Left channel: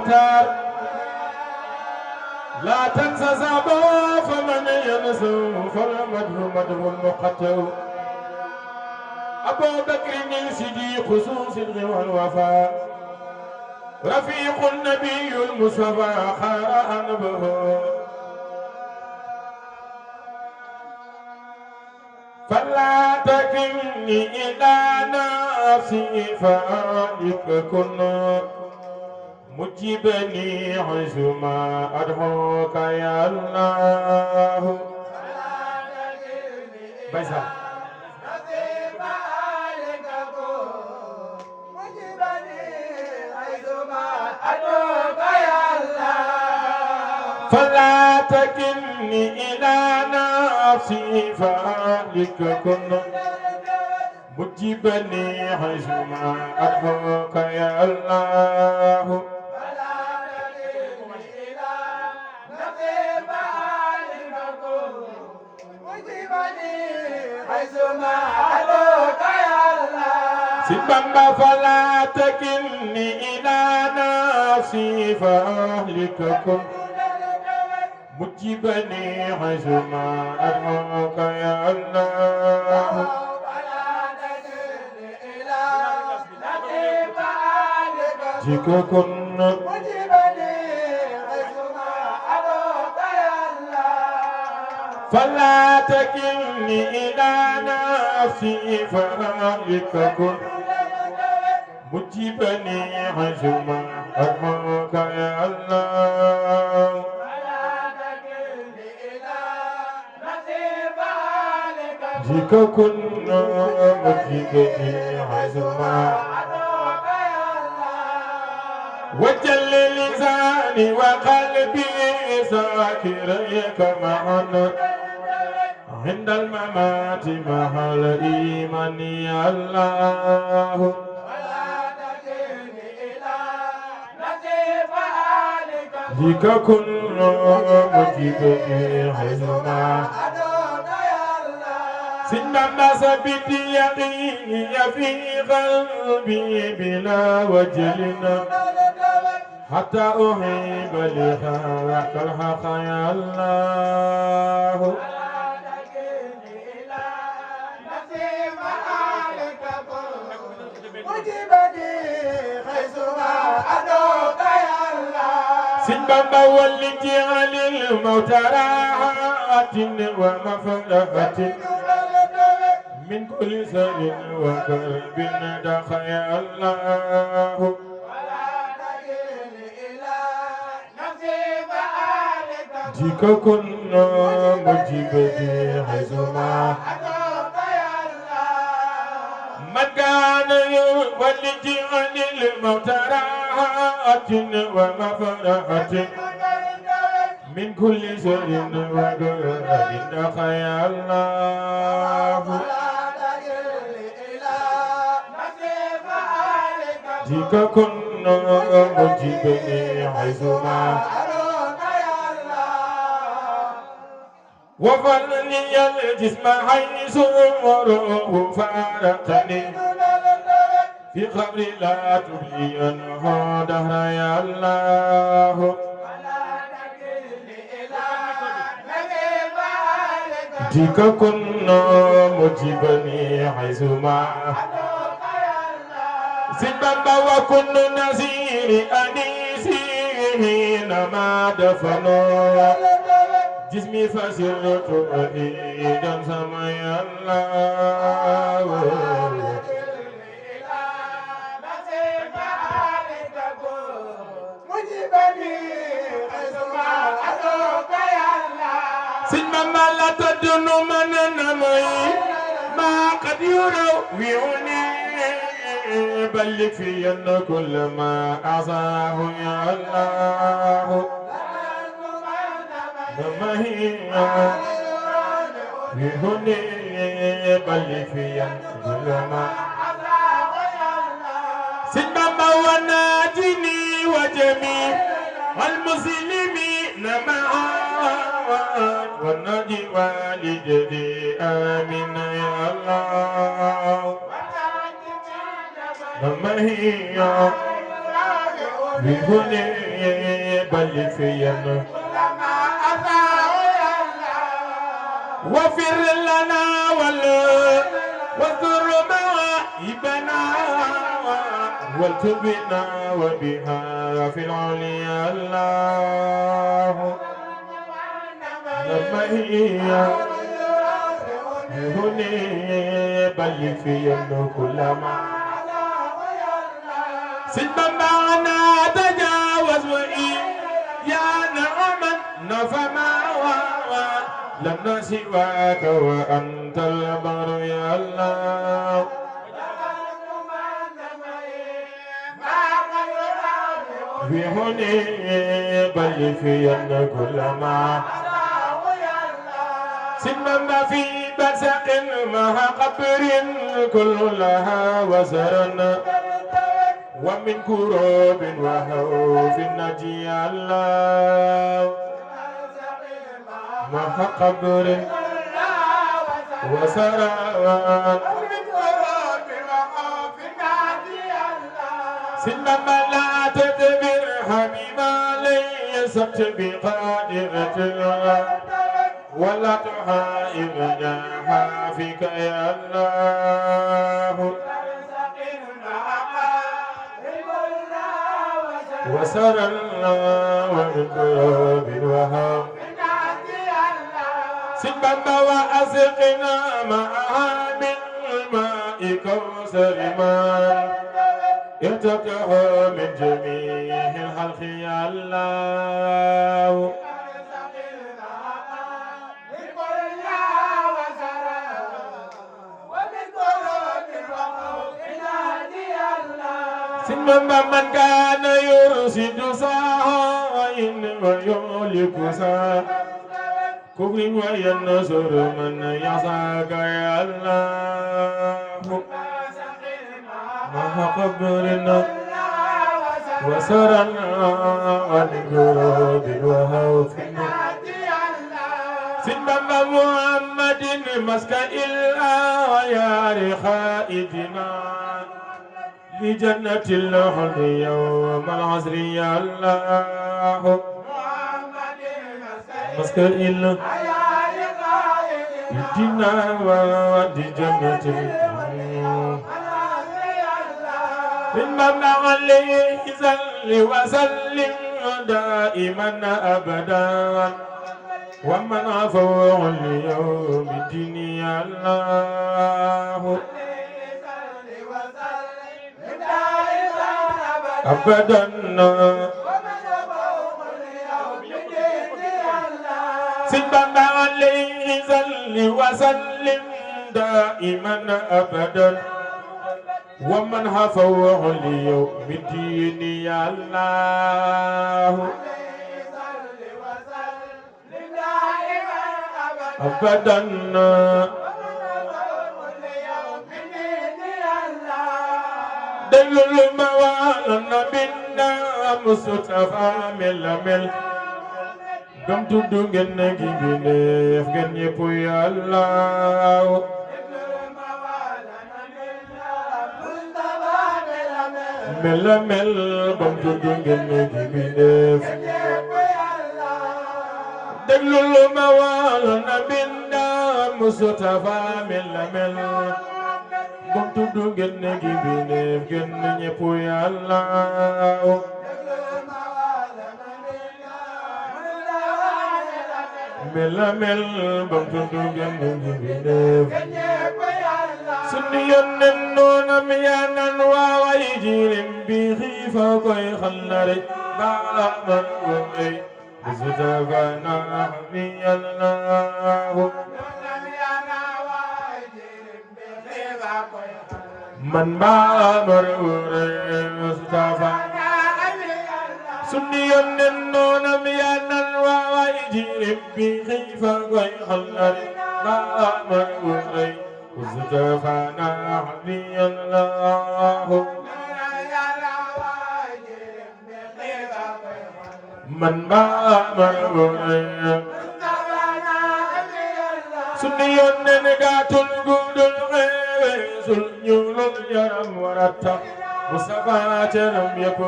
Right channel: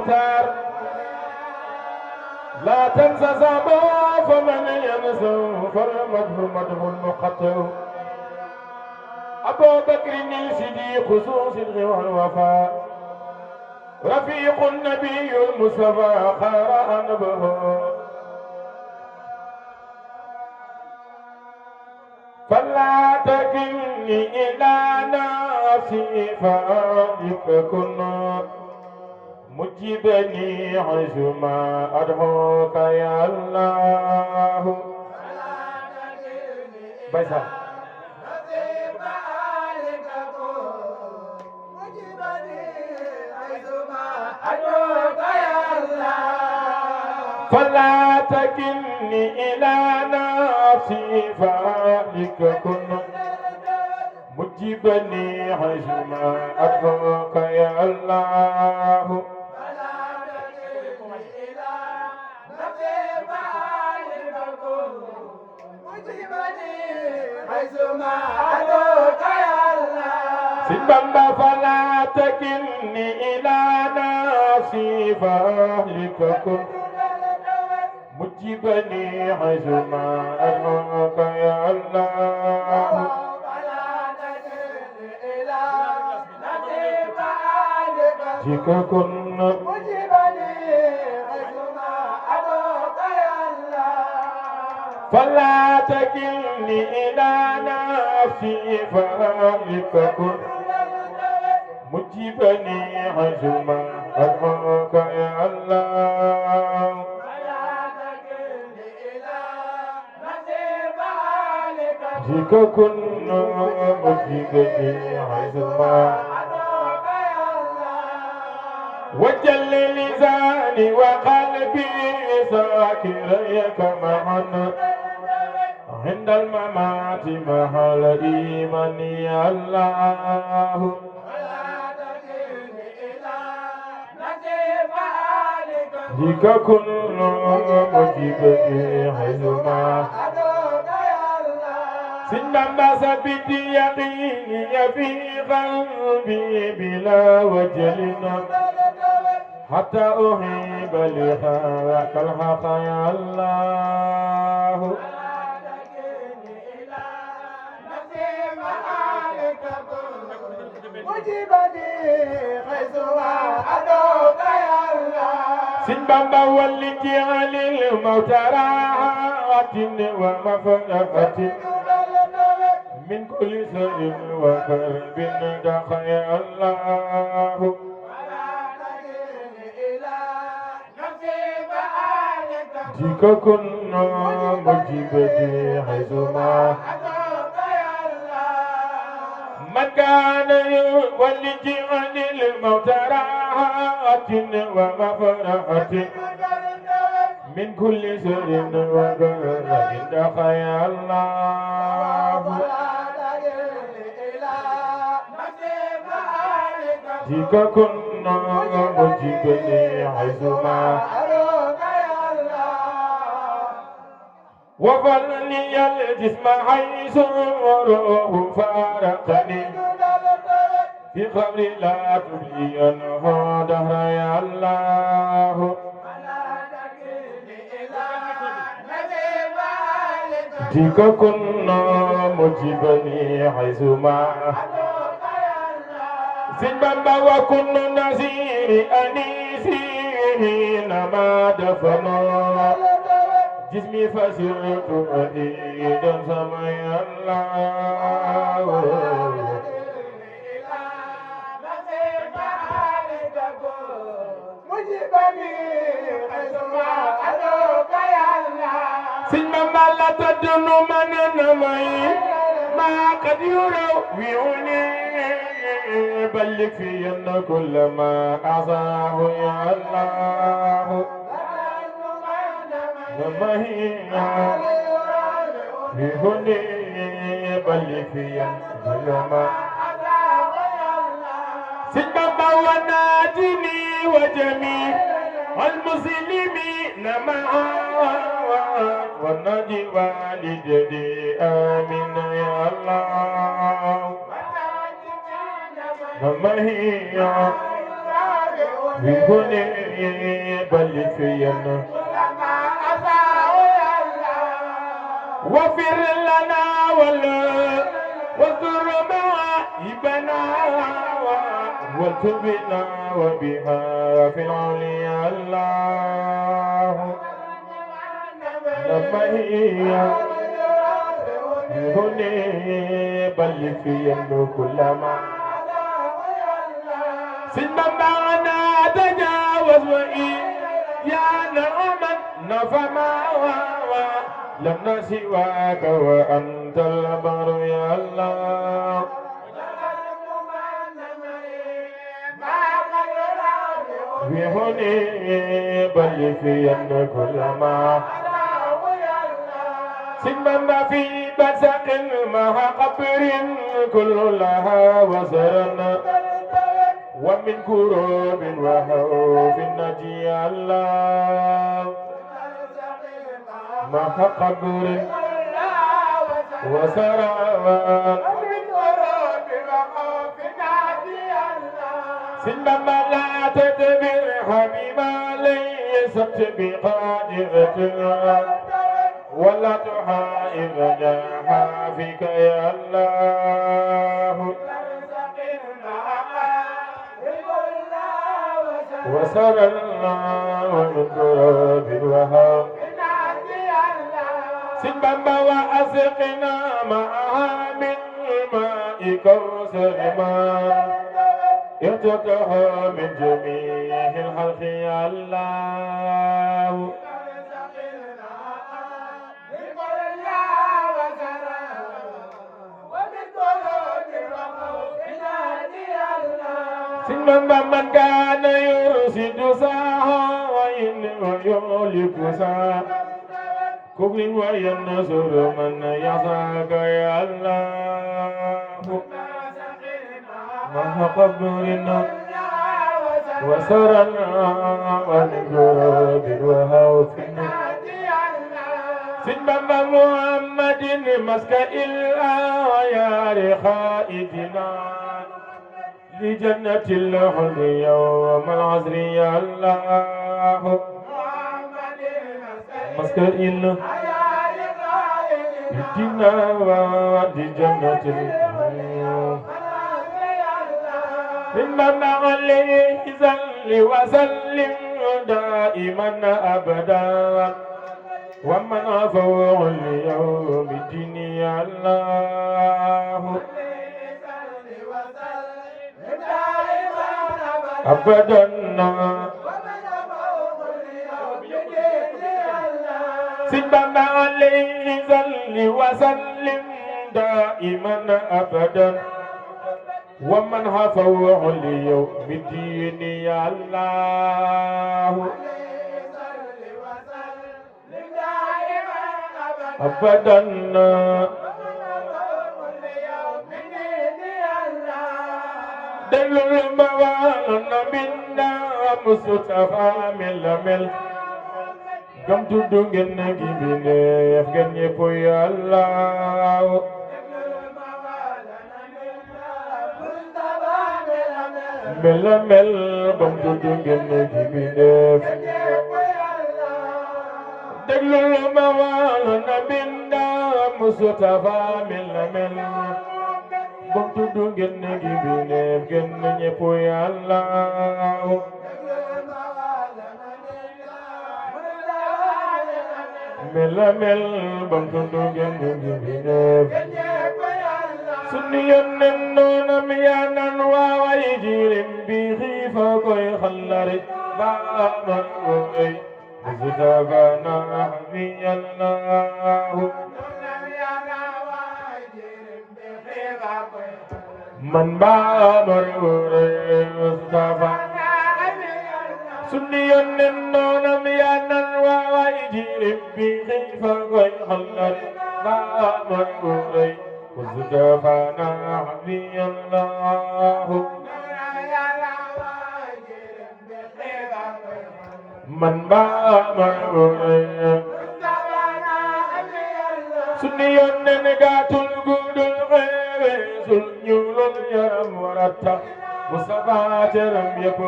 المختار لا تنسى زابه فمن ينسى فالمدح مدح المقتل أبو بكر الصديق خصوص والوفاء رفيق النبي المصطفى خار أنبه فلا تكلني إلى نفسي فأدرك كن مجيبني حيثما أدعوك يا الله بيسا فلا تكلني إلى نفسي فأهلك كن مجيبني حيثما أدعوك يا الله فلا تكلني إلى نفسي فأهلك كن مجيبني حيثما أدعوك يا الله سبحان فلا تكلني إلى نفسي فأهلك كن مجيبني حيثما أدعوك يا الله جيك كن مجيبني حيثما أدعوك يا الله فلا تكلني إلى نفسي فأهلك كن مجيبني حيثما أدعوك يا الله جيك كن مجيبني حيثما وجل لساني وقلبي ساكريك معنا عند الممات مع الإيمان يا الله جيك كن مجيبني حيثما سنما سبت يقيني في قلبي بلا وجلنا حتى أحب لحقك الحق يا الله مجيبني حيثما أدعوك يا الله سنبا والتي عن الموت راحة ومفرقة من كل سر وكرب دخ يا الله جيك كن مجيبني حيثما من كان يولج عن الموت راحة ومفرقة من كل سر وكرب دخ يا الله جيك كن مجيبني حيثما وفلني الجسم حيث روح فارقني في قبر لا تبلينه دهر يا الله جيك كن مجيبني حيثما سنبا وكن نزير أنيسي حينما دفنوا جسمي فسرت أعيدا سمي الله سنبا لا تدن من نمي ما قد يروي بلغ في أن كل ما أعصاه يا الله وما هي بهني بلغ في أن كل ما سبب وناجني وجميع المسلمين معا ونجي والدي آمين يا الله وما هي بهني بل فينا وفر لنا واستر معايبنا والتبنا وبها في العليا الله لما هي هني بل فينا كل ما سلما معنا تجاوز يا نعما نفما لنا سواك وأنت البر يا الله في هني بل فينا كل ما سلما في برزق مع قبر كل لها وزرنا ومن كروب وخوف نجي الله مع قبر وسرى سلما لا تدبر حبيبا ليست بقادرة ولا تحائر جاها فيك يا الله وسرى ومن كرب وهام سلما وأسقنا معها من ماء كوثر من يتقها من جميع الخلق يا الله سلما من كان يرشد ساعين ويهلك ساعين كفر وينصر من يسعك يا الله مع قبرنا وسرنا ونجرد وهوف سلما محمد مسك إلا يا رخائدنا لجنة الخلد يوم العصر يا الله مسك إلا يدينا لجنة إنما عليه صل وسلم دائما أبدا ومن عفو اليوم الدين يا الله أبدا سلما عليه صل وسلم دائما أبدا ومن هفوه اليوم الدين يا الله أبدا دل الموالن منا مصطفى مل gam tuddu ngeen na gi bindeef ngeen ñépp ya Allah mel gam tuddu ngeen na gi bindeef déglul ma wala na binda Mustafa mel gam tuddu ngeen na gi bindeef ngeen ñépp ya Allah mel bam tuddu ngeen na gi bindeef sunu yónneen noonam yaa nan waaway jirim bi xiifa koy xallare baa man woy Mustafa na bi Allahu man baa mar woy Mustafa sunu yónneen noonam yaa nan waaway jirim bi xiifa koy xallare baa man woy Mustafa nahbi Allah man ba marway sunu yónneen gàttul guddul xewe sul ñuulul yaram warata Mustafa teram yépp